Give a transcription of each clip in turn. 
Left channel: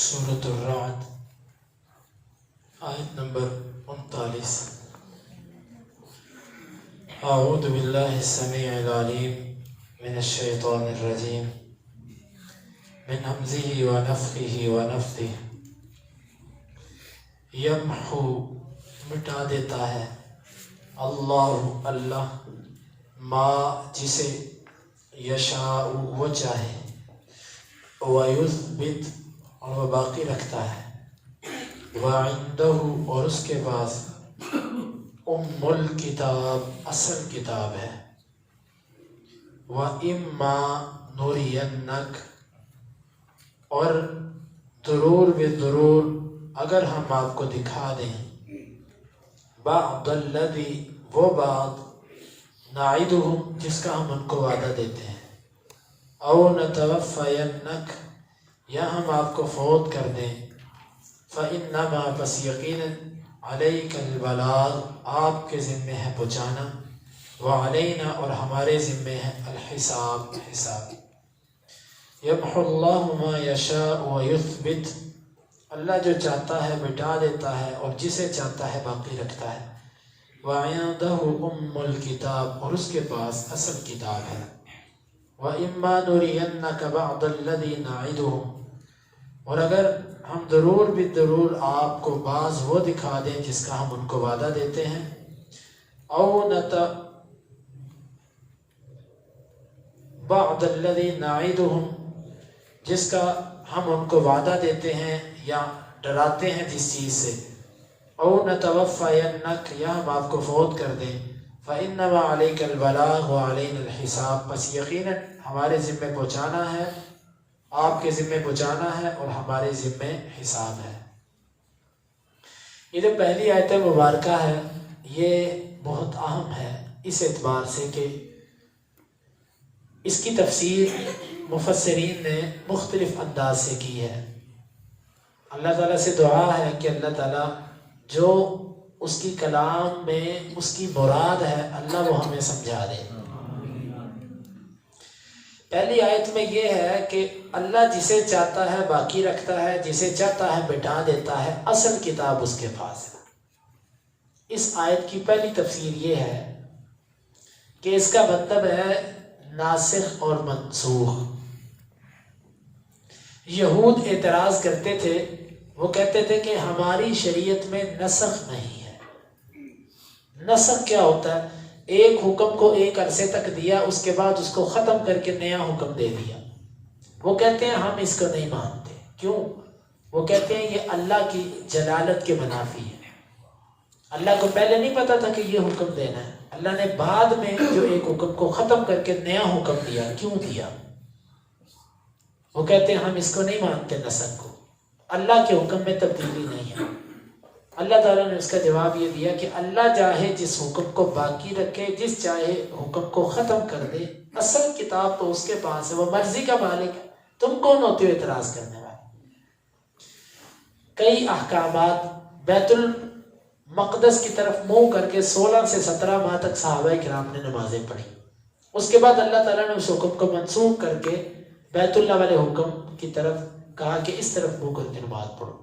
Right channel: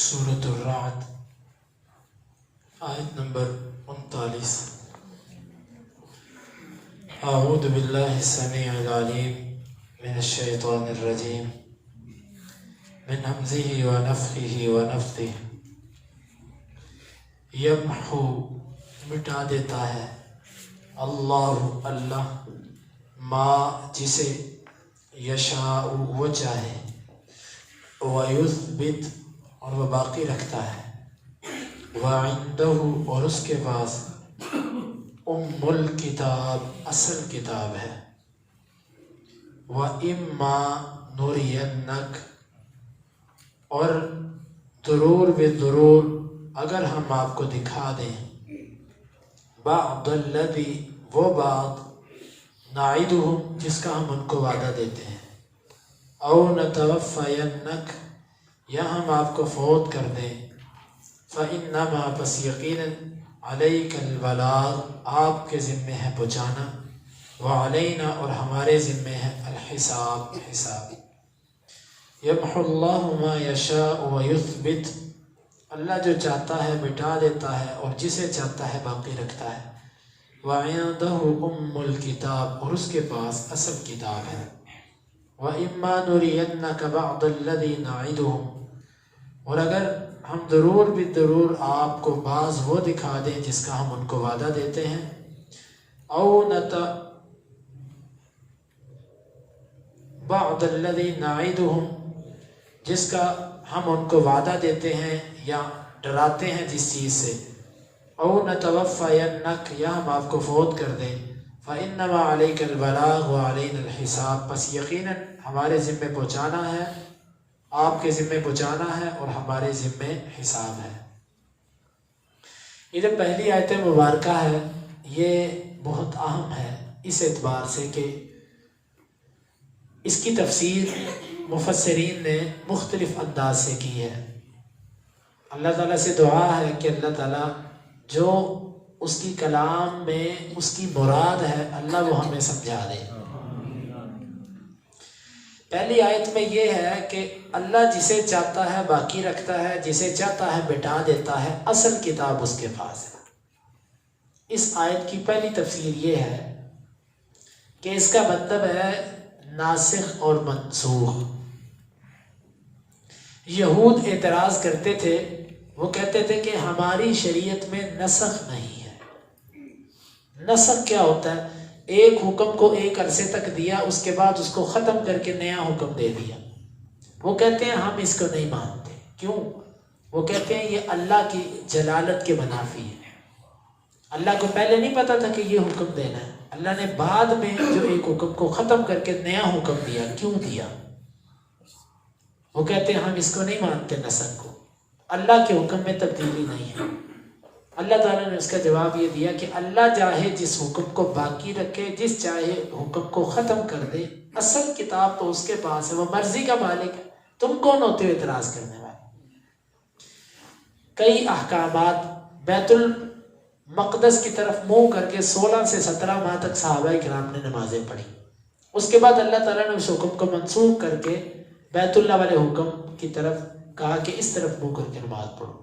سورۃ الرعد آیت نمبر 39. اعوذ باللہ السمیع العلیم من الشیطان الرجیم من حمزہ ونفخہ ونفثہ. یمحو مٹا دیتا ہے اللہ ما جسے یشاء وہ چاہے، ویثبت اور وہ باقی رکھتا ہے، وعندہ اور اس کے پاس ام الکتاب اصل کتاب ہے، وَإِمَّا نُرِيَنَّكَ اور ضرور بالضرور اگر ہم آپ کو دکھا دیں بعض الذی وہ بات نعدہم جس کا ہم ان کو وعدہ دیتے ہیں، او نتوفینک یا ہم آپ کو فوت کر دیں، فإنما پس یقینا علیک البلاغ آپ کے ذمے ہے پہنچانا، وعلینا اور ہمارے ذمے ہے الحساب حساب. یمحو اللہ ما یشاء ویثبت اللہ جو چاہتا ہے مٹا دیتا ہے اور جسے چاہتا ہے باقی رکھتا ہے. وعندہ ام الکتاب اور اس کے پاس اصل کتاب ہے. وَإِمَّا نُرِيَنَّكَ بَعْضَ الَّذِي نَعِدُهُمْ اور اگر ہم ضرور بالضرور آپ کو بعض وہ دکھا دیں جس کا ہم ان کو وعدہ دیتے ہیں، بعض الذی نعدہم جس کا ہم ان کو وعدہ دیتے ہیں یا ڈراتے ہیں جس چیز سے، او نتوفینک یا ہم آپ کو فوت کر دیں، فإنما علیک البلاغ وعلینا الحساب پس یقیناً ہمارے ذمے پہنچانا ہے، آپ کے ذمے پہنچانا ہے اور ہمارے ذمے حساب ہے. یہ جو پہلی آیت مبارکہ ہے یہ بہت اہم ہے اس اعتبار سے کہ اس کی تفسیر مفسرین نے مختلف انداز سے کی ہے. اللہ تعالیٰ سے دعا ہے کہ اللہ تعالیٰ جو اس کی کلام میں اس کی مراد ہے اللہ وہ ہمیں سمجھا دے. پہلی آیت میں یہ ہے کہ اللہ جسے چاہتا ہے باقی رکھتا ہے، جسے چاہتا ہے مٹا دیتا ہے، اصل کتاب اس کے پاس ہے. اس آیت کی پہلی تفسیر یہ ہے کہ اس کا مطلب ہے ناسخ اور منسوخ. یہود اعتراض کرتے تھے، وہ کہتے تھے کہ ہماری شریعت میں نسخ نہیں ہے. نسخ کیا ہوتا ہے؟ ایک حکم کو ایک عرصے تک دیا، اس کے بعد اس کو ختم کر کے نیا حکم دے دیا. وہ کہتے ہیں ہم اس کو نہیں مانتے. کیوں؟ وہ کہتے ہیں یہ اللہ کی جلالت کے منافی ہے. اللہ کو پہلے نہیں پتا تھا کہ یہ حکم دینا ہے، اللہ نے بعد میں جو ایک حکم کو ختم کر کے نیا حکم دیا، کیوں دیا؟ وہ کہتے ہیں ہم اس کو نہیں مانتے نسخ کو، اللہ کے حکم میں تبدیلی نہیں ہے. اللہ تعالیٰ نے اس کا جواب یہ دیا کہ اللہ چاہے جس حکم کو باقی رکھے، جس چاہے حکم کو ختم کر دے، اصل کتاب تو اس کے پاس ہے، وہ مرضی کا مالک ہے. تم کون ہوتے ہو اعتراض کرنے والے؟ کئی احکامات بیت المقدس کی طرف منہ کر کے 16 سے 17 ماہ تک صحابہ کرام نے نمازیں پڑھی. اس کے بعد اللہ تعالیٰ نے اس حکم کو منسوخ کر کے بیت اللہ والے حکم کی طرف کہا کہ اس طرف منہ کر کے نماز پڑھو.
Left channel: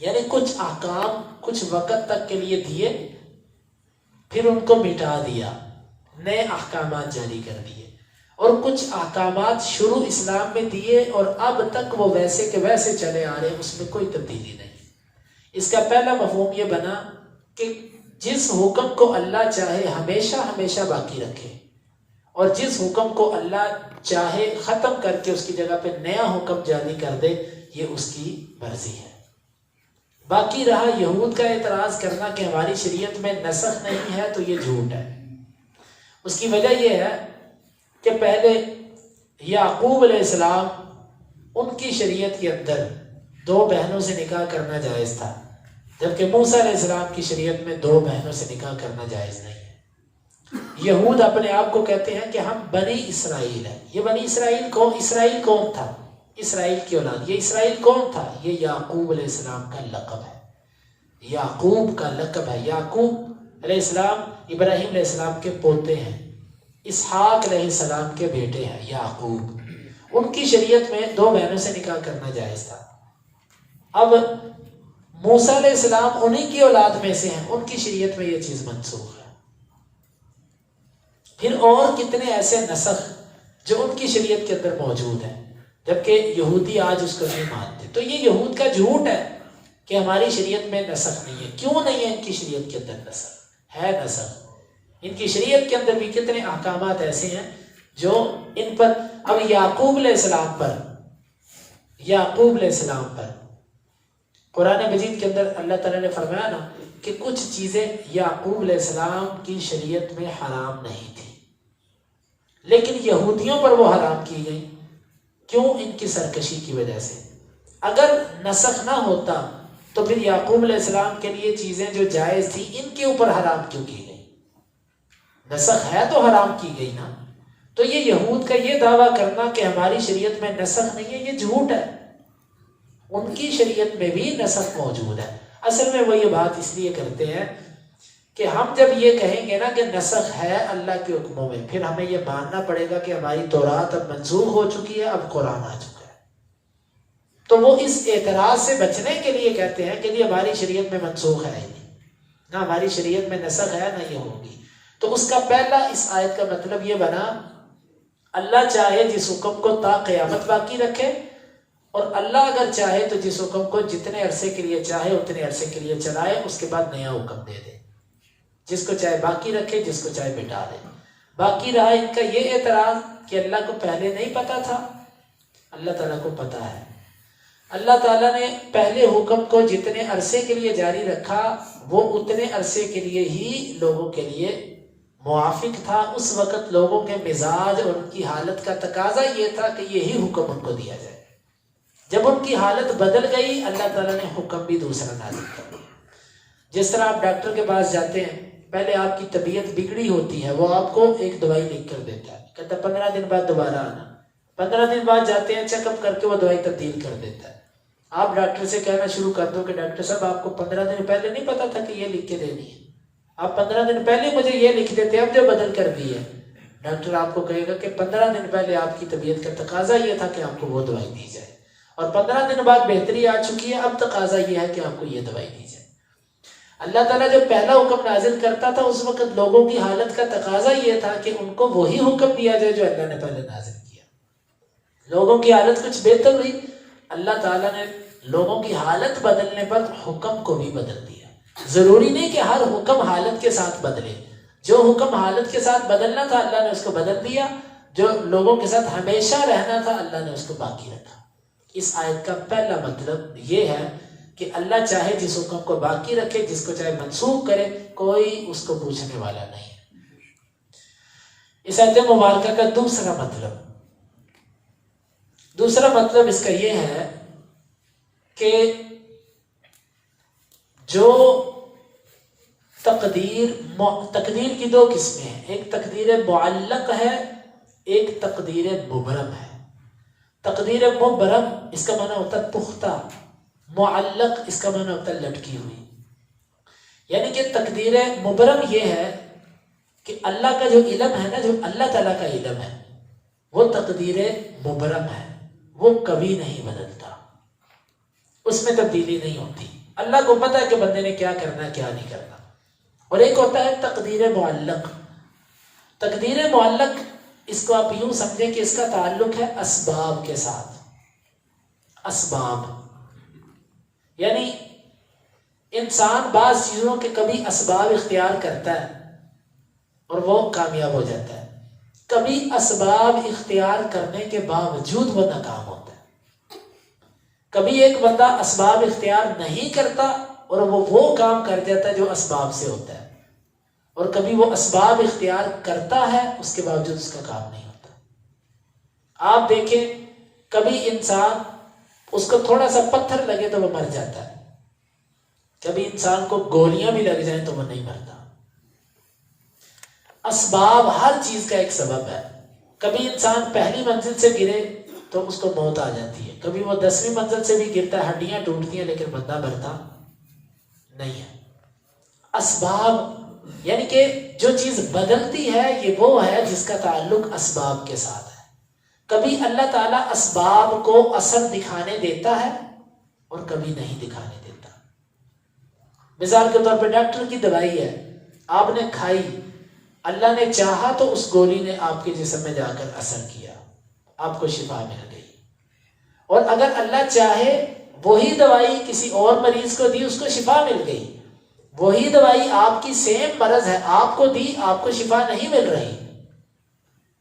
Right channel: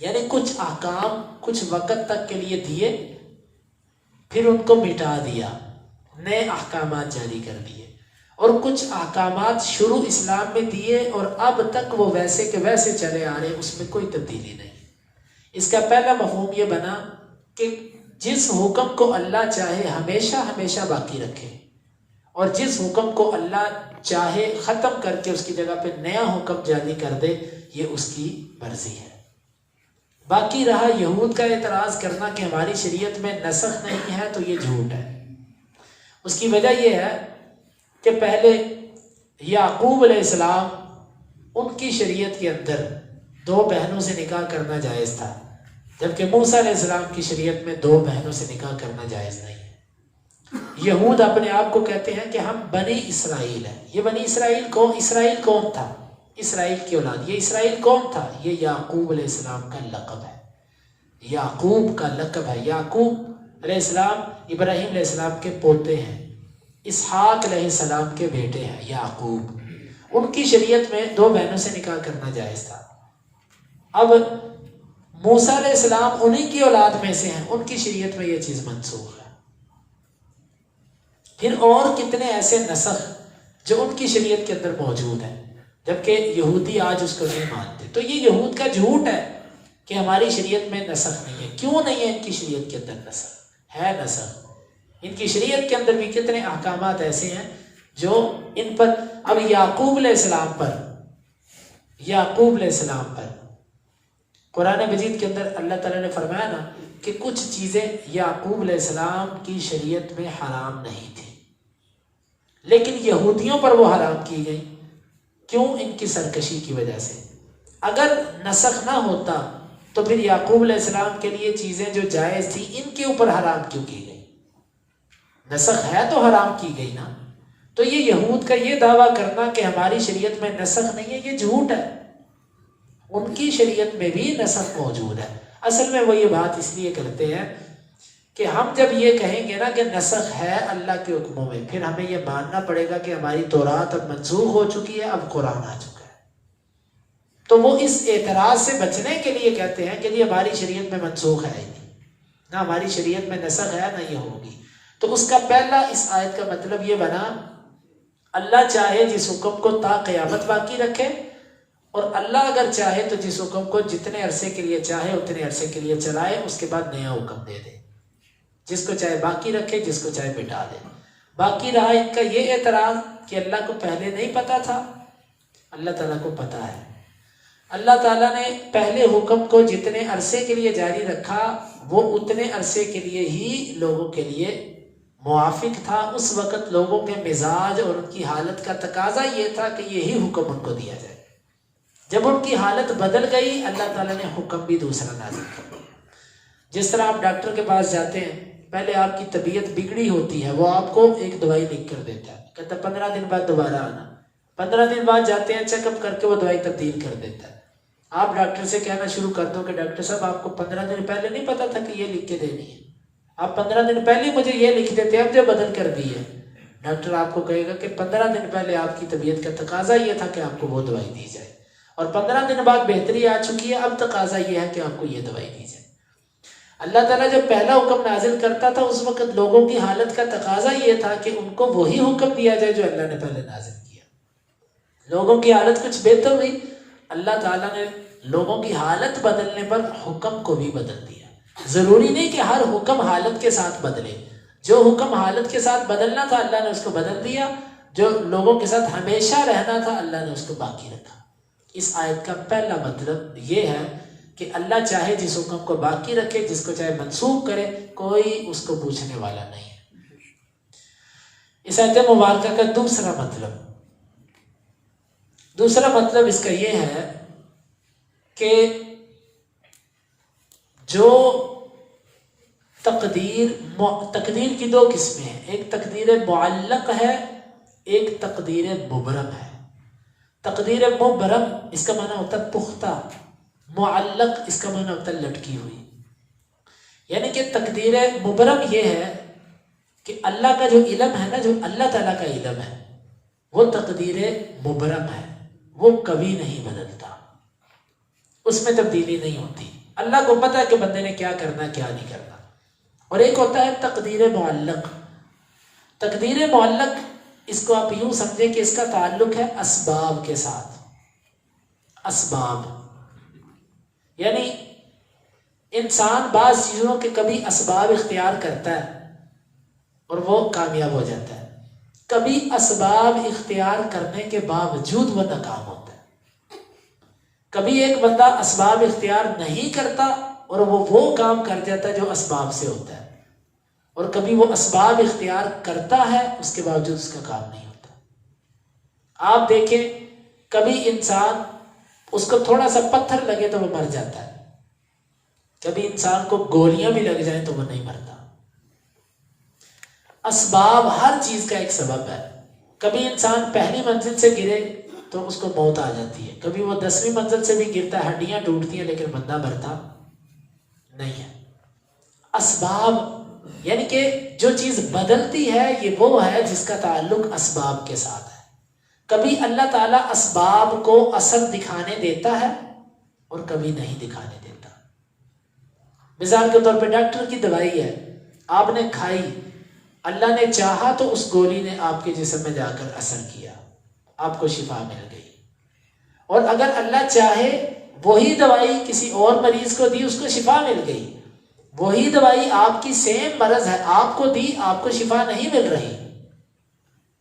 یعنی کچھ احکام کچھ وقت تک کے لیے دیے، پھر ان کو مٹا دیا، نئے احکامات جاری کر دیے. اور کچھ احکامات شروع اسلام میں دیے اور اب تک وہ ویسے کے ویسے چلے آ رہے ہیں، اس میں کوئی تبدیلی نہیں. اس کا پہلا مفہوم یہ بنا کہ جس حکم کو اللہ چاہے ہمیشہ ہمیشہ باقی رکھے، اور جس حکم کو اللہ چاہے ختم کر کے اس کی جگہ پہ نیا حکم جاری کر دے، یہ اس کی مرضی ہے. باقی رہا یہود کا اعتراض کرنا کہ ہماری شریعت میں نسخ نہیں ہے، تو یہ جھوٹ ہے. اس کی وجہ یہ ہے کہ پہلے یعقوب علیہ السلام ان کی شریعت کے اندر 2 بہنوں سے نکاح کرنا جائز تھا، جبکہ موسیٰ علیہ السلام کی شریعت میں 2 بہنوں سے نکاح کرنا جائز نہیں ہے. یہود اپنے آپ کو کہتے ہیں کہ ہم بنی اسرائیل ہیں. یہ بنی اسرائیل کون؟ اسرائیل کون تھا؟ اسرائیل کی اولاد. یہ اسرائیل کون تھا؟ یہ یعقوب علیہ السلام کا لقب ہے، یعقوب کا لقب ہے. یعقوب علیہ السلام ابراہیم علیہ السلام کے پوتے ہیں، اسحاق علیہ السلام کے بیٹے ہیں یعقوب. ان کی شریعت میں 2 بہنوں سے نکاح کرنا جائز تھا. اب موسیٰ علیہ السلام انہی کی اولاد میں سے ہیں، ان کی شریعت میں یہ چیز منسوخ ہے. پھر اور کتنے ایسے نسخ جو ان کی شریعت کے اندر موجود ہیں، جبکہ یہودی آج اس کو نہیں مانتے. تو یہ یہود کا جھوٹ ہے کہ ہماری شریعت میں نسخ نہیں ہے. کیوں نہیں ہے ان کی شریعت کے اندر نسخ؟ ہے نسخ. ان کی شریعت کے اندر بھی کتنے احکامات ایسے ہیں جو ان پر. اب یعقوب علیہ السلام پر قرآن مجید کے اندر اللہ تعالیٰ نے فرمایا نا کہ کچھ چیزیں یعقوب علیہ السلام کی شریعت میں حرام نہیں تھی، لیکن یہودیوں پر وہ حرام کی گئی. کیوں؟ ان کی سرکشی کی وجہ سے. اگر نسخ نہ ہوتا تو پھر یعقوب علیہ السلام کے لیے چیزیں جو جائز تھی ان کے اوپر حرام کیوں کی گئی؟ نسخ ہے تو حرام کی گئی نا. تو یہ یہود کا یہ دعویٰ کرنا کہ ہماری شریعت میں نسخ نہیں ہے، یہ جھوٹ ہے. ان کی شریعت میں بھی نسخ موجود ہے. اصل میں وہ یہ بات اس لیے کرتے ہیں کہ ہم جب یہ کہیں گے نا کہ نسخ ہے اللہ کے حکموں میں، پھر ہمیں یہ ماننا پڑے گا کہ ہماری تورات اب منسوخ ہو چکی ہے، اب قرآن آ چکا ہے. تو وہ اس اعتراض سے بچنے کے لیے کہتے ہیں کہ یہ ہماری شریعت میں منسوخ ہے ہی نہیں، نہ ہماری شریعت میں نسخ ہے نہ یہ ہوگی. تو اس کا پہلا اس آیت کا مطلب یہ بنا اللہ چاہے جس حکم کو تا قیامت باقی رکھے، اور اللہ اگر چاہے تو جس حکم کو جتنے عرصے کے لیے چاہے اتنے عرصے کے لیے چلائے، اس کے بعد نیا حکم دے دے. جس کو چاہے باقی رکھے، جس کو چاہے مٹا دے. باقی رہا ان کا یہ اعتراض کہ اللہ کو پہلے نہیں پتا تھا. اللہ تعالیٰ کو پتا ہے. اللہ تعالیٰ نے پہلے حکم کو جتنے عرصے کے لیے جاری رکھا وہ اتنے عرصے کے لیے ہی لوگوں کے لیے موافق تھا. اس وقت لوگوں کے مزاج اور ان کی حالت کا تقاضا یہ تھا کہ یہی حکم ان کو دیا جائے. جب ان کی حالت بدل گئی اللہ تعالیٰ نے حکم بھی دوسرا نازل کیا. جس طرح آپ ڈاکٹر کے پاس جاتے ہیں، پہلے آپ کی طبیعت بگڑی ہوتی ہے، وہ آپ کو ایک دوائی لکھ کر دیتا ہے، کہتا 15 دن بعد دوبارہ آنا. 15 دن بعد جاتے ہیں، چیک اپ کر کے وہ دوائی تبدیل کر دیتا ہے. آپ ڈاکٹر سے کہنا شروع کر دو کہ ڈاکٹر صاحب آپ کو 15 دن پہلے نہیں پتا تھا کہ یہ لکھ کے دینی ہے، آپ 15 دن پہلے مجھے یہ لکھ دیتے، اب جو بدل کر دی ہے. ڈاکٹر آپ کو کہے گا کہ 15 دن پہلے آپ کی طبیعت کا تقاضا یہ تھا کہ آپ کو وہ دوائی دی جائے، اور 15 دن بعد بہتری آ چکی ہے، اب تقاضا یہ ہے کہ آپ کو یہ دوائی دی جائے. اللہ تعالیٰ جب پہلا حکم نازل کرتا تھا اس وقت لوگوں کی حالت کا تقاضا یہ تھا کہ ان کو وہی حکم دیا جائے جو اللہ نے پہلے نازل کیا. لوگوں کی حالت کچھ بہتر ہوئی، اللہ تعالیٰ نے لوگوں کی حالت بدلنے پر حکم کو بھی بدل دیا. ضروری نہیں کہ ہر حکم حالت کے ساتھ بدلے. جو حکم حالت کے ساتھ بدلنا تھا اللہ نے اس کو بدل دیا، جو لوگوں کے ساتھ ہمیشہ رہنا تھا اللہ نے اس کو باقی رکھا. اس آیت کا پہلا مطلب یہ ہے کہ اللہ چاہے جس حکم کو باقی رکھے، جس کو چاہے منسوخ کرے، کوئی اس کو پوچھنے والا نہیں ہے. اس آیت مبارکہ کا دوسرا مطلب اس کا یہ ہے کہ جو تقدیر کی 2 قسمیں ہیں، ایک تقدیر معلق ہے، ایک تقدیر مبرم ہے. تقدیر مبرم اس کا معنی ہوتا ہے پختہ، معلق اس کا معنی ہوتا ہے لٹکی ہوئی. یعنی کہ تقدیر مبرم یہ ہے کہ اللہ کا جو علم ہے نا، جو اللہ تعالیٰ کا علم ہے وہ تقدیر مبرم ہے، وہ کبھی نہیں بدلتا، اس میں تبدیلی نہیں ہوتی. اللہ کو پتہ ہے کہ بندے نے کیا کرنا ہے کیا نہیں کرنا. اور ایک ہوتا ہے تقدیر معلق. تقدیر معلق اس کو آپ یوں سمجھیں کہ اس کا تعلق ہے اسباب کے ساتھ. اسباب یعنی انسان بعض چیزوں کے کبھی اسباب اختیار کرتا ہے اور وہ کامیاب ہو جاتا ہے، کبھی اسباب اختیار کرنے کے باوجود وہ ناکام ہوتا ہے. کبھی ایک بندہ اسباب اختیار نہیں کرتا اور وہ کام کر جاتا ہے جو اسباب سے ہوتا ہے، اور کبھی وہ اسباب اختیار کرتا ہے اس کے باوجود اس کا کام نہیں ہوتا. آپ دیکھیں کبھی انسان اس کو تھوڑا سا پتھر لگے تو وہ مر جاتا ہے، کبھی انسان کو گولیاں بھی لگ جائیں تو وہ نہیں مرتا. اسباب ہر چیز کا ایک سبب ہے. کبھی انسان پہلی منزل سے گرے تو اس کو موت آ جاتی ہے، کبھی وہ 10ویں منزل سے بھی گرتا ہے، ہڈیاں ٹوٹتی ہیں لیکن بندہ مرتا نہیں ہے. اسباب یعنی کہ جو چیز بدلتی ہے یہ وہ ہے جس کا تعلق اسباب کے ساتھ ہے. کبھی اللہ تعالیٰ اسباب کو اثر دکھانے دیتا ہے اور کبھی نہیں دکھانے دیتا. مثال کے طور پہ ڈاکٹر کی دوائی ہے، آپ نے کھائی، اللہ نے چاہا تو اس گولی نے آپ کے جسم میں جا کر اثر کیا، آپ کو شفا مل گئی. اور اگر اللہ چاہے وہی دوائی کسی اور مریض کو دی، اس کو شفا مل گئی. وہی دوائی آپ کی سیم مرض ہے، آپ کو دی، آپ کو شفا نہیں مل رہی.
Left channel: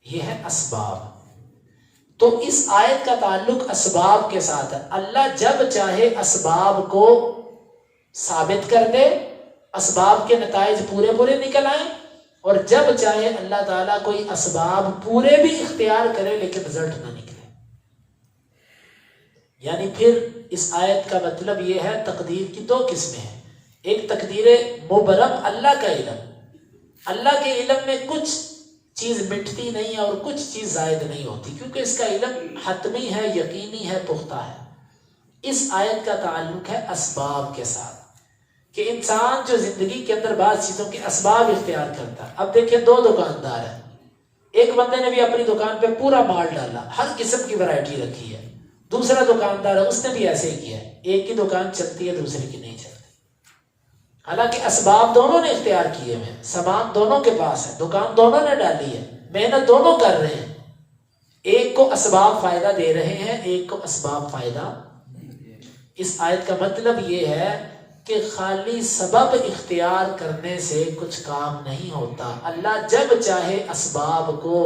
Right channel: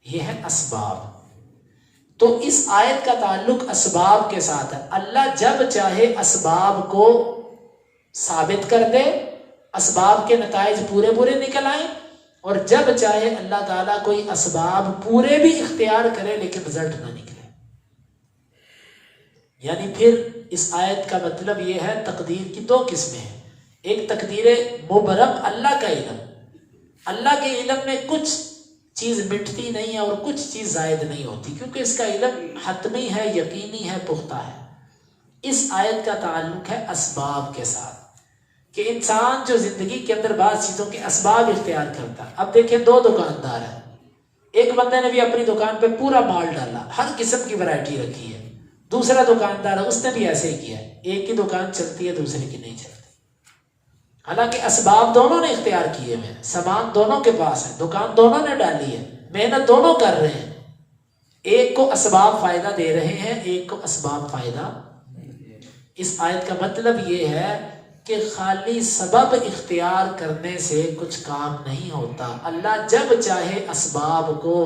یہ ہے اسباب. تو اس آیت کا تعلق اسباب کے ساتھ ہے. اللہ جب چاہے اسباب کو ثابت کر دے، اسباب کے نتائج پورے پورے نکل آئیں، اور جب چاہے اللہ تعالیٰ کوئی اسباب پورے بھی اختیار کرے لیکن رزلٹ نہ نکلے. یعنی پھر اس آیت کا مطلب یہ ہے تقدیر کی دو قسمیں ہیں. ایک تقدیر مبرم، اللہ کا علم. اللہ کے علم میں کچھ چیز مٹتی نہیں ہے اور کچھ چیز زائد نہیں ہوتی، کیونکہ اس کا علم حتمی ہے، یقینی ہے، پختہ ہے. اس آیت کا تعلق ہے اسباب کے ساتھ، کہ انسان جو زندگی کے اندر بعض چیزوں کے اسباب اختیار کرتا ہے. اب دیکھیں دو دکاندار ہیں، ایک بندے نے بھی اپنی دکان پہ پورا مال ڈالا، ہر قسم کی ورائٹی رکھی ہے. دوسرا دکاندار ہے، اس نے بھی ایسے ہی کیا ہے. ایک کی دکان چلتی ہے، دوسرے کی نہیں چلتی. حالانکہ اسباب دونوں نے اختیار کیے ہیں، سامان دونوں کے پاس ہے، دکان دونوں نے ڈالی ہے، محنت دونوں کر رہے ہیں. ایک کو اسباب فائدہ دے رہے ہیں، ایک کو اسباب فائدہ. اس آیت کا مطلب یہ ہے کہ خالی سبب اختیار کرنے سے کچھ کام نہیں ہوتا. اللہ جب چاہے اسباب کو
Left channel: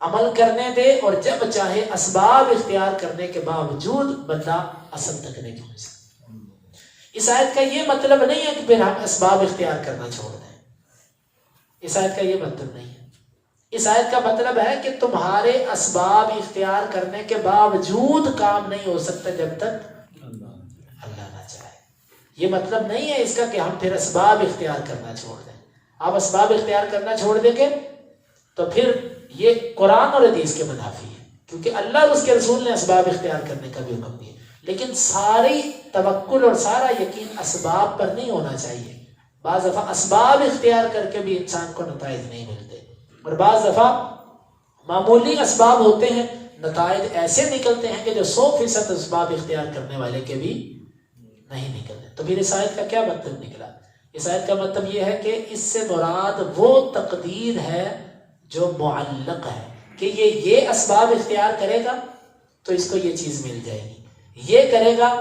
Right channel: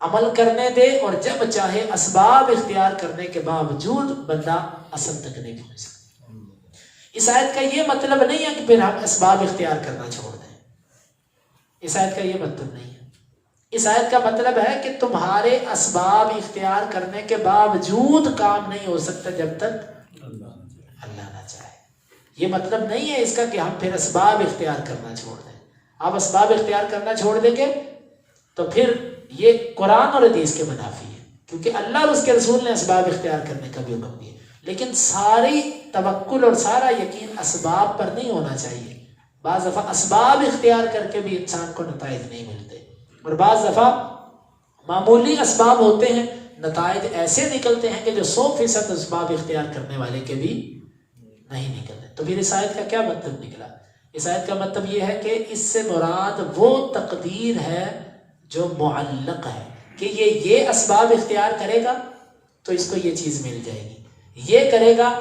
عمل کرنے دے اور جب چاہے اسباب اختیار کرنے کے باوجود بندہ اصل تک نہیں پہنچ سکتا. اس آیت کا یہ مطلب نہیں ہے کہ پھر ہم اسباب اختیار کرنا چھوڑ دیں. اس آیت کا یہ مطلب نہیں ہے. اس آیت کا مطلب ہے کہ تمہارے اسباب اختیار کرنے کے باوجود کام نہیں ہو سکتا جب تک اللہ نہ چاہے. یہ مطلب نہیں ہے اس کا کہ ہم پھر اسباب اختیار کرنا چھوڑ دیں. آپ اسباب اختیار کرنا چھوڑ دیں گے تو پھر یہ قرآن اور حدیث کے منافی ہے، کیونکہ اللہ اور اس کے رسول نے اسباب اختیار کرنے کا بھی حکم دیا. لیکن ساری توکل اور سارا یقین اسباب پر نہیں ہونا چاہیے. بعض دفعہ اسباب اختیار کر کے بھی انسان کو نتائج نہیں ملتے، اور بعض دفعہ معمولی اسباب ہوتے ہیں، نتائج ایسے نکلتے ہیں کہ جو 100% اسباب اختیار کرنے والے کے بھی نہیں نکلتے. تو پھر اس آیت کا کیا مطلب نکلا؟ اس آیت کا مطلب یہ ہے کہ اس سے مراد وہ تقدیر ہے جو معلق ہے، کہ یہ اسباب اختیار کرے گا تو اس کو یہ چیز مل جائے گی، یہ کرے گا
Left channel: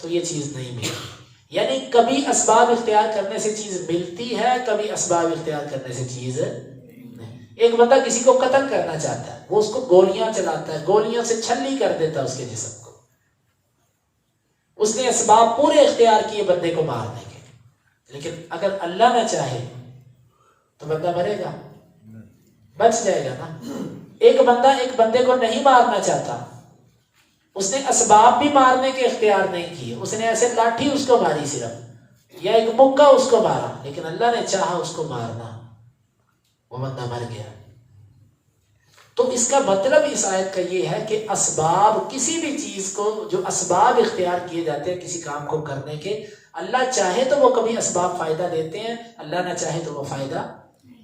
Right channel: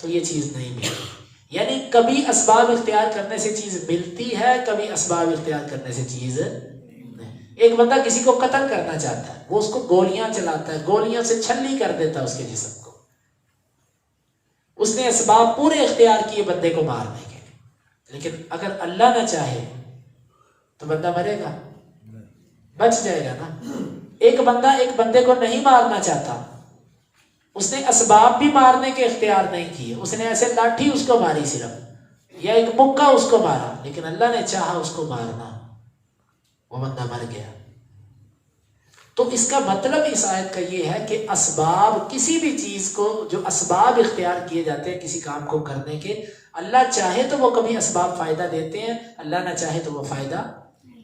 تو یہ چیز نہیں ملے گی. یعنی کبھی اسباب اختیار کرنے سے چیز ملتی ہے، کبھی اسباب اختیار کرنے سے چیز نہیں. ایک بندہ کسی کو قتل کرنا چاہتا ہے، وہ اس کو گولیاں چلاتا ہے، گولیاں سے چھلی کر دیتا ہے اس کے جسم کو. اس نے اسباب پورے اختیار کیے بندے کو مارنے کے، لیکن اگر اللہ نہ چاہے تو بندہ مرے گا، بچ جائے گا نا. ایک بندہ ایک بندے کو نہیں مارنا چاہتا، اس نے اسباب بھی مارنے کے اختیار نہیں کیے، اس نے ایسے لاٹھی اس کو ماری صرف، یا ایک مکہ اس کو مارا، لیکن اللہ نے چاہا اس کو مارنا، وہ بندہ مر گیا. تو اس کا مطلب اس آیت کا یہ ہے کہ اسباب، کسی بھی چیز کو جو اسباب اختیار کیے جاتے ہیں کسی کام کو کرنے کے، اللہ چاہے تو وہ کبھی اسباب فائدہ دیتے ہیں، اللہ نہ چاہے تو وہ فائدہ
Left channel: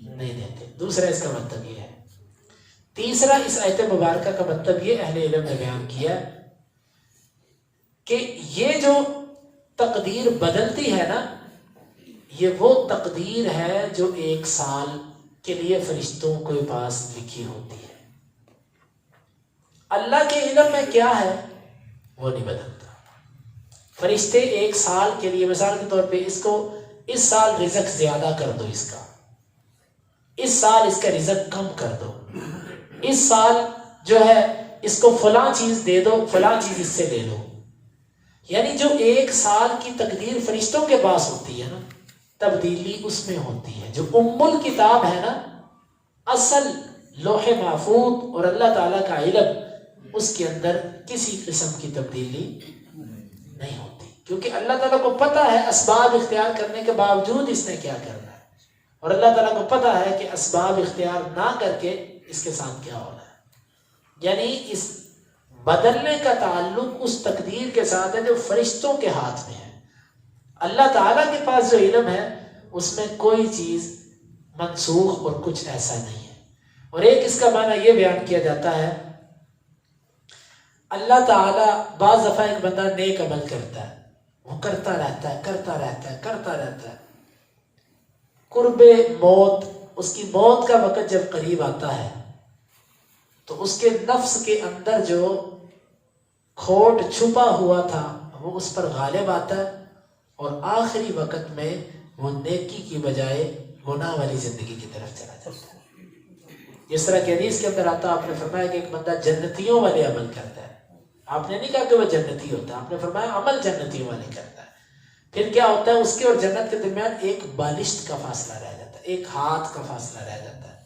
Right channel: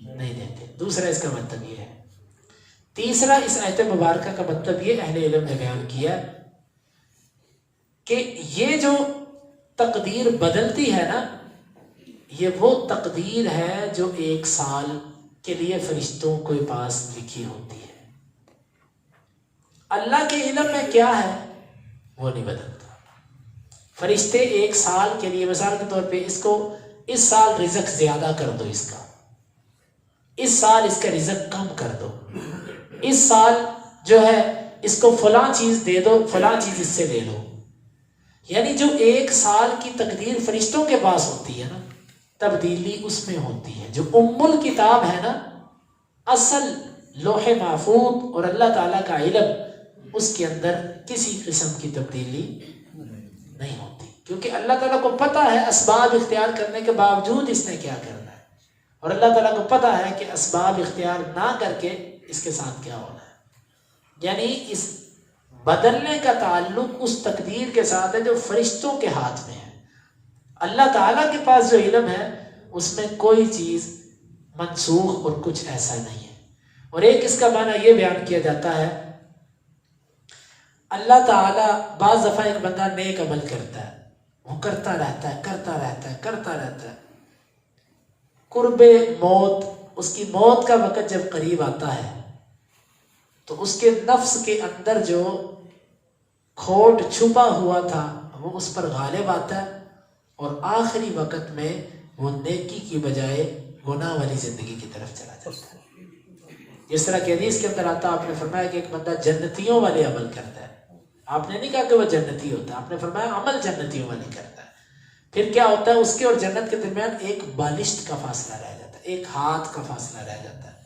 نہیں دیتے. دوسرا اس کا مطلب یہ ہے. تیسرا اس آیت مبارکہ کا مطلب یہ اہل علم نے بیان کیا کہ یہ جو تقدیر بدلتی ہے نا، یہ وہ تقدیر ہے جو 1 سال کے لیے فرشتوں کے پاس لکھی ہوتی ہے. اللہ کے علم میں کیا ہے وہ نہیں بدلتا. فرشتے 1 سال کے لیے، مثال کے طور پہ اس سال رزق زیادہ کر دو، اس سال اس کا رزق کم کر دو، اس سال جو ہے اس کو فلاں چیز دے دو، فلاں چیز اس سے لے لو. یعنی جو 1 سال کی تقدیر فرشتوں کے پاس ہوتی ہے نا، تبدیلی اس میں ہوتی ہے. جو الکتاب ہے نا، اصل لوح محفوظ اور اللہ تعالیٰ کا علم، اس کے اندر کسی قسم کی تبدیلی نہیں ہوتی، کیونکہ اللہ تعالیٰ کو پتہ ہے اسباب اختیار کرنے کے باوجود اس نے کیا کرنا ہے، اور اللہ تعالیٰ کو پتہ ہے کہ اسباب اختیار نہ کر کے اس کے ساتھ کیا ہونا ہے. یعنی اس بدلنے کا تعلق اس تقدیر کے ساتھ ہے جو فرشتوں کے ہاتھ میں ہے. اللہ تعالیٰ کے پاس جو علم ہے اس میں کوئی چیز منسوخ اور کچھ ایسا نہیں ہے۔ اور ایک اس کا معنی یہ بیان کیا جاتا ہے، اللہ تعالیٰ بعض دفعہ ایک بندہ نیک عمل کرتا ہے، وہ کرتا رہتا ہے، قرب موت، اس کی موت کا وقت جب قریب آتا ہے تو اس کے نفس کے اندر جو کھوٹ چھپا ہوا تھا وہ اس پر غالب آتا ہے، اور آخری وقت میں وہ نیکی کی بجائے گناہ والی زندگی کی طرف چلا جاتا ہے۔ جس طرح کہ حدیث کے اندر آتا، آپ نے فرمایا کہ ایک بندہ جنتیوں والے عمل کرتا ہے، آپ نے نہیں کہا کہ وہ جنتی ہوتا، آپ نے فرمایا عمل جنتیوں والے کرتا ہے۔ پھر کیا ہوتا ہے، اس کے اور جنت کے درمیان ایک بالشت کا فاصلہ رہ جاتا ہے، ایک ہاتھ کا فاصلہ رہ جاتا ہے۔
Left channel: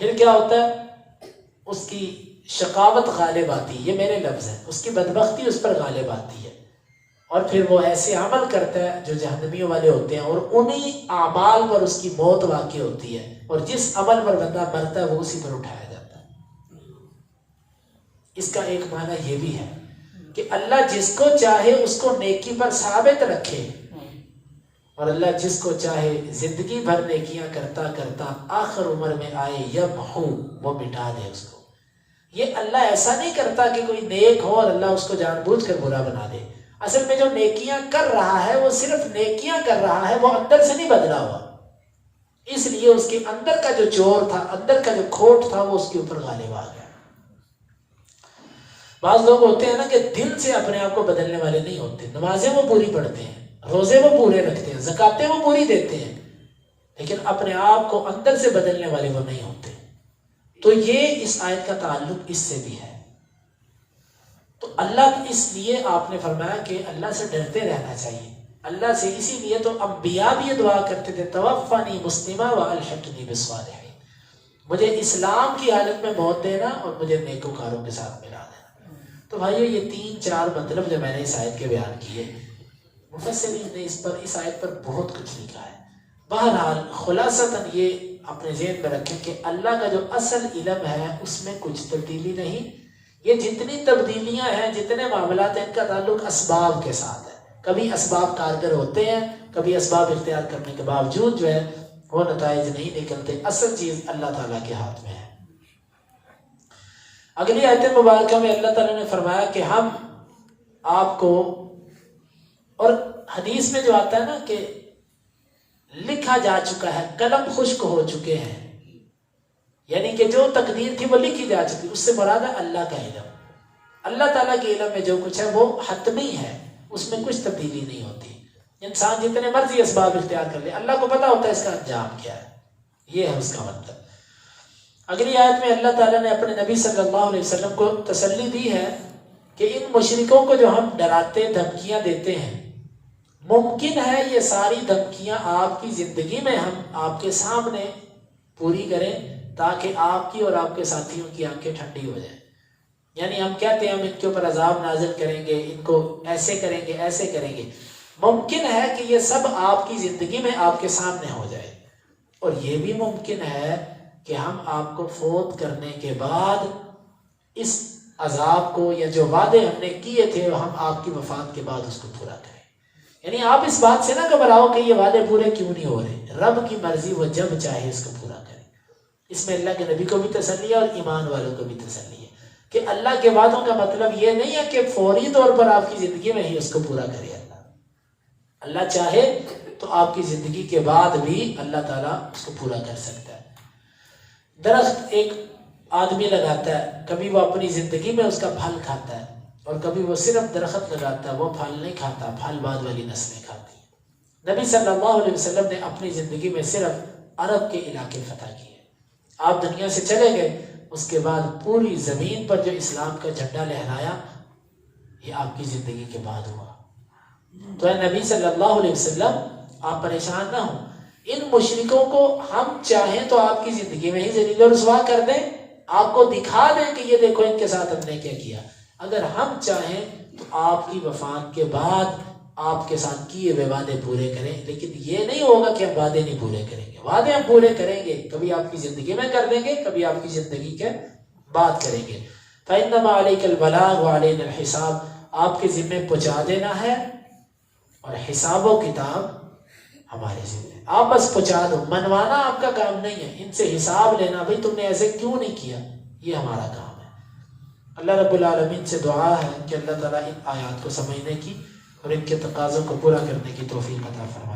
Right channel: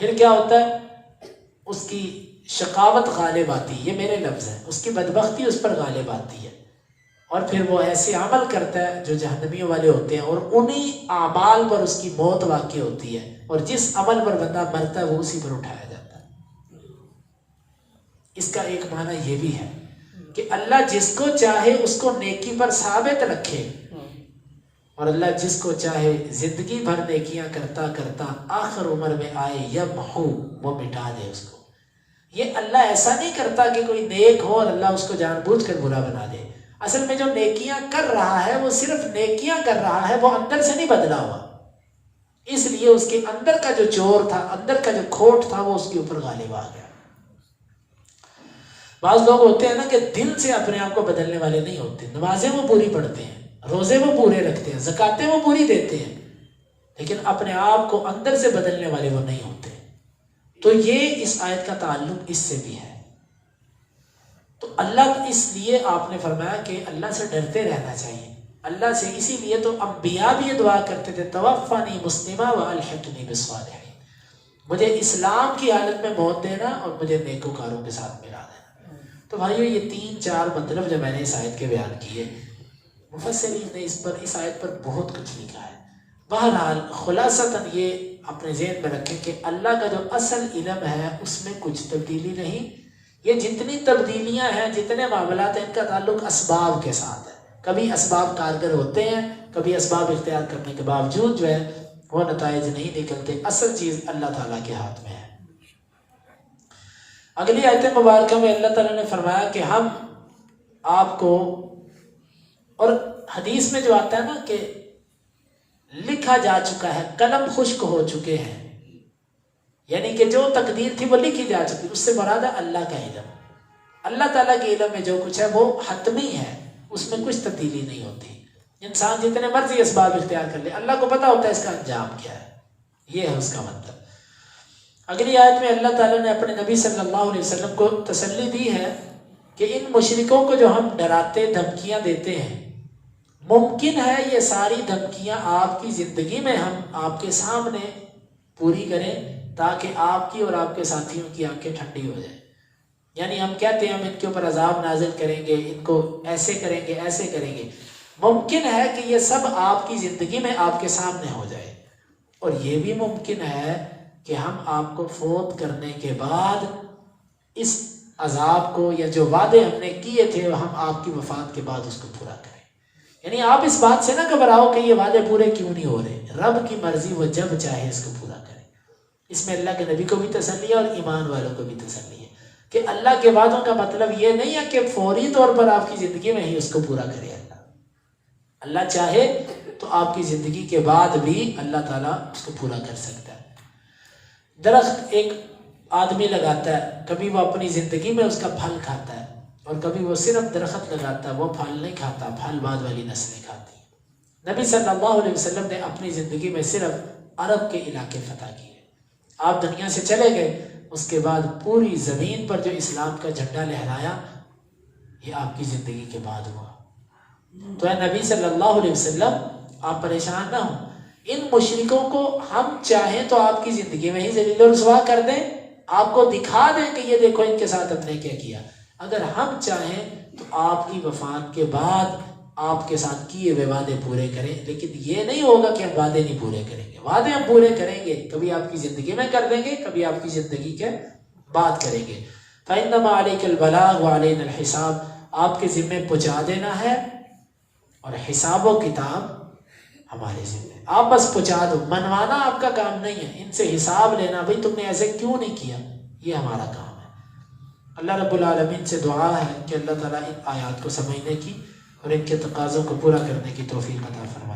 پھر کیا ہوتا ہے، اس کی شقاوت غالب آتی ہے، یہ میرے لفظ ہیں، اس کی بدبختی اس پر غالب آتی ہے، اور پھر وہ ایسے عمل کرتا ہے جو جہنمیوں والے ہوتے ہیں، اور انہی اعمال پر اس کی موت واقع ہوتی ہے، اور جس عمل پر بندہ مرتا ہے وہ اسی پر اٹھایا جاتا ہے۔ اس کا ایک معنی یہ بھی ہے کہ اللہ جس کو چاہے اس کو نیکی پر ثابت رکھے، اور اللہ جس کو چاہے زندگی بھر نیکیاں کرتا کرتا آخر عمر میں آئے یمحو، وہ مٹا دے اس کو۔ یہ اللہ ایسا نہیں کرتا کہ کوئی نیک ہو اور اللہ اس کو جان بوجھ کر برا بنا دے۔ اصل میں جو نیکیاں کر رہا ہے وہ صرف نیکیاں کر رہا ہے، وہ اندر سے نہیں بدلا ہوا، اس لیے اس کے اندر کا جو چور تھا، اندر کا جو کھوٹ تھا، وہ اس کے اوپر غالب آ گیا۔ بعض لوگ ہوتے ہیں نا کہ دل سے اپنے آپ کو بدلنے والے نہیں ہوتے، نمازیں وہ پوری پڑھتے ہیں، روزے وہ پورے رکھتے ہیں، زکاتیں وہ پوری دیتے ہیں، لیکن اپنے آپ کو اندر سے بدلنے والے وہ نہیں ہوتے۔ تو یہ اس آیت کا تعلق اس سے بھی ہے۔ تو اللہ، اس لیے آپ نے فرمایا کہ اللہ سے ڈرتے رہنا چاہیے، اللہ سے، اسی لیے تو انبیاء بھی یہ دعا کرتے تھے، توفنی مسلمہ والحقنی بالصالحین، مجھے اسلام کی حالت میں موت دینا اور مجھے نیکوکاروں کے ساتھ ملا دینا۔ تو بھائیو، یہ 3-4 مطلب جو میں نے اس آیت کے بیان کیے، مفسرین نے اس آیت پر بہت کچھ لکھا ہے۔ بہرحال خلاصتاً یہ اپنے ذہن میں رکھیں کہ اللہ کا جو اصل علم ہے اس میں کچھ تبدیلی نہیں۔ یہ جتنی تبدیلیاں ہیں، جتنے معاملات ہیں، ان کا تعلق اسباب کے ساتھ ہے۔ کبھی اسباب کارگر ہوتے ہیں، کبھی اسباب اختیار کرنے کے باوجود جو ہے وہ نتائج نہیں نکلتے۔ اصل چیز اللہ تعالیٰ کے ہاتھ میں ہے۔ اگلی آیت مبارکہ میں اللہ تعالیٰ نے فرمایا کہ ہم آپ کو، اور حدیث میں جو آتا ہے نا کہ لکھا جا چکا ہے، قلم خشک ہو چکے ہیں، یعنی کہ جو تقدیر تھی وہ لکھی جا چکی، اس سے مراد ہے اللہ کا علم۔ اللہ تعالیٰ کے علم میں جو کچھ ہے وہ حتمی ہے، اس میں کچھ تبدیلی نہیں ہوتی۔ انسان جتنے مرضی اسباب اختیار کر لے، اللہ کو پتا ہوتا ہے اس کا انجام کیا ہے۔ یہ ہے اس کا مطلب۔ اگلی آیت میں اللہ تعالیٰ نے اپنے نبی صلی اللہ علیہ وسلم کو تسلی دی ہے کہ ان مشرکوں کو جو ہم ڈراتے دھمکیاں دیتے ہیں، ممکن ہے یہ ساری دھمکیاں آپ کی زندگی میں ہم آپ کے سامنے پوری کریں تاکہ آپ کی اور آپ کے ساتھیوں کی آنکھیں ٹھنڈی ہو جائیں۔ یعنی ہم کہتے ہیں ہم ان کے اوپر عذاب نازل کریں گے، ان کو ایسے کریں گے، ایسے کریں گے، ممکن ہے کہ یہ سب آپ کی زندگی میں آپ کے سامنے ہو جائے، اور یہ بھی ممکن ہے کہ ہم آپ کو فوت کرنے کے بعد اس عذاب کو، یا جو وعدے ہم نے کیے تھے ہم آپ کی وفات کے بعد اس کو پورا کریں۔ یعنی آپ اس بات سے نہ گھبراؤ کہ یہ وعدے پورے کیوں نہیں ہو رہے، رب کی مرضی، وہ جب چاہے اس کو پورا کرے۔ اس میں اللہ کے نبی کو بھی تسلی ہے اور ایمان والوں کو بھی تسلی ہے کہ اللہ کے وعدوں کا مطلب یہ نہیں ہے کہ فوری طور پر آپ کی زندگی میں ہی اس کو پورا کرے۔ اللہ چاہے تو آپ کی زندگی کے بعد بھی اللہ تعالیٰ اس کو پورا کر سکتا ہے۔ درخت ایک آدمی لگاتا ہے، کبھی وہ اپنی زندگی میں اس کا پھل کھاتا ہے، اور کبھی وہ صرف درخت لگاتا ہے، وہ پھل نہیں کھاتا، پھل بعد والی نسلیں کھاتی ہیں۔ نبی صلی اللہ علیہ وسلم نے اپنی زندگی میں صرف عرب کے علاقے فتح کیے۔ آپ دنیا سے چلے گئے، اس کے بعد پوری زمین پر جو اسلام کا جھنڈا لہرایا، یہ آپ کی زندگی کے بعد ہوا۔ تو اے نبی صلی اللہ علیہ وسلم، آپ پریشان نہ ہوں، ان مشرکوں کو ہم چاہیں تو آپ کی زندگی میں ہی ذلیل و رسوا کر دیں، آپ کو دکھا دیں کہ یہ دیکھو ان کے ساتھ ہم نے کیا کیا۔ اگر ہم چاہیں تو آپ کی وفات کے بعد آپ کے ساتھ کیے ہوئے وعدے پورے کریں، لیکن یہ نہیں ہوگا کہ ہم وعدے نہیں پورے کریں گے۔ وعدے ہم پورے کریں گے، کبھی آپ کی زندگی میں کر دیں گے، کبھی آپ کی زندگی کے بعد کریں گے۔ فَإِنَّمَا عَلَيْكَ الْبَلَاغُ وَعَلَيْنَا الْحِسَابُ، آپ کے ذمے پہنچا دینا ہے، اور حساب و کتاب ہمارے ذمہ، آپ بس پہنچا دو، منوانا آپ کا کام نہیں ہے، ان سے حساب لینا بھئی تم نے ایسے کیوں نہیں کیا، یہ ہمارا کام ہے۔ اللہ رب العالمین سے دعا ہے کہ اللہ تعالیٰ ان آیات کو سمجھنے کی اور ان کے تقاضوں کو پورا کرنے کی توفیق عطا فرمائے۔